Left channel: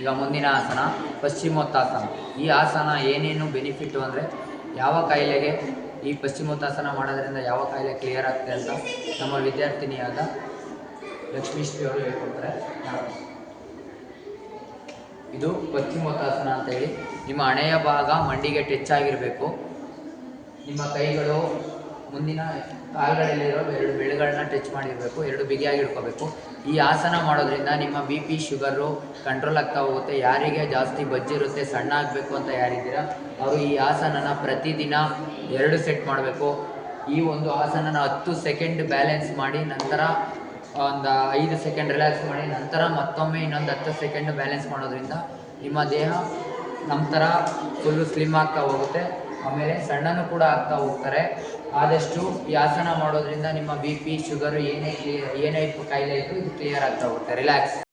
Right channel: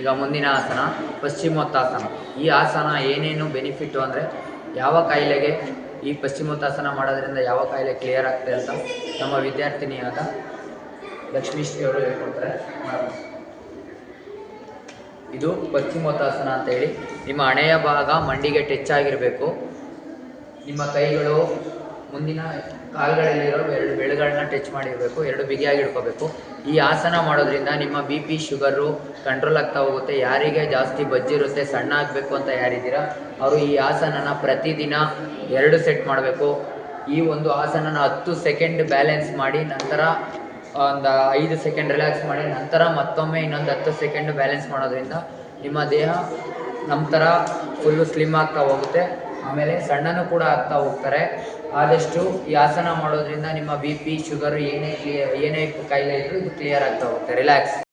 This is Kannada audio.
ಈಗ ಮುಂದಿನ ಆಸನ ಪಶ್ಚಿಮೋತ್ತಾಸನ. ಈ ಆಸನ ಏನೇನು ಬೆನಿಫಿಟ್ಟು ಅಂದರೆ ಯಾವ ಕಾಯಿಲೆಗೆ ಈ ಪಶ್ಚಿಮೋತ್ತಾಸನ ಮಾಡೋದ್ರಿಂದ ಯಾವ ಕಾಯಿಲೆ ಕ್ಲಿಯರ್ ಆಗ್ತದೆ ಅಂತ ನಮ್ಮ ವಿದ್ಯಾರ್ಥಿನಿಯಾದ ಲಕ್ಷ್ಮೀಶ್ರೀ ಅವರು ಹೇಳ್ಕೊಡ್ತಾರೆ. ಇದು ಪಶ್ಚಿಮೋತ್ತಾಸನ ಅಂತೇಳಿ. ನಿಮ್ಮ ಹಣೆಯ ಭಾಗ ಮಂಡಿಗೆ ಟಚ್ ಆಗಿರಬೇಕು. ನಿಮ್ಮ ಕೈಗಳು ಮುಂದಿನ ಕಾಲುಗಳಲ್ಲಿರೋ ಎರಡು ಬೆರಳುಗಳನ್ನ ಟಚ್ ಮಾಡಿರಬೇಕು. ಎರಡು ಬಿಗಿಯಾಗಿ ಇಟ್ಕೋಬೇಕು. ಈ ಆಸನ ಮಾಡೋದ್ರಿಂದ ನಿಮ್ಮ BP ಶುಗರು ಕಂಟ್ರೋಲ್ ಆಗ್ತಾ ಹೋಗುತ್ತೆ. ಯಾರಿಗೆ ಜಾಸ್ತಿ ಬಜ್ಜಿರುತ್ತೆ, ಸಣ್ಣ ಆಗಬೇಕು ಅಂತ ಯಾರಿದ್ದೀರಾ ಅವರು ಈ ಆಸನನ ಪ್ರತಿದಿನ 2 ಸೆಟ್ ಮಾಡಬೇಕು. ಈ ಒಂದು ಆಸನನ 10 ಸೆಕೆಂಡ್ ಬ್ಯಾಲೆನ್ಸ್ ಮಾಡಿ, ನಂತರ ಒಂದು 5 ಸೆಕೆಂಡ್ ರಿಲ್ಯಾಕ್ಸ್ ಮಾಡಿ, ನಂತರ ಮತ್ತೊಮ್ಮೆ ಇನ್ನೊಂದು 10 ಸೆಕೆಂಡ್ ಬ್ಯಾಲೆನ್ಸ್ ಮಾಡೋದ್ರಿಂದ ನಿಮ್ಮ ದೇಹ ನಮ್ಮ ಥರ ಫುಲ್ಲು ಸ್ಲಿಮ್ ಆಗ್ತಾ ಹೋಗುತ್ತೆ. ಆಮೇಲೆ ಸಣ್ಣನೂ ಕೂಡ ಆಗ್ತಾ ಹೋಗ್ತಾರೆ. ಆದಷ್ಟು ಈ ಆಸನ ಮಾಡೋದ್ರಿಂದ ನಿಮ್ಮ BP ಶುಗರ್ ಏನೇ ಕಾಯಿಲೆ ಇದ್ದರೂ ಇದು ಕ್ಲಿಯರ್ ಆಗ್ತಾ ಹೋಗುತ್ತೆ. ರಿಲ್ಯಾಕ್ಸ್.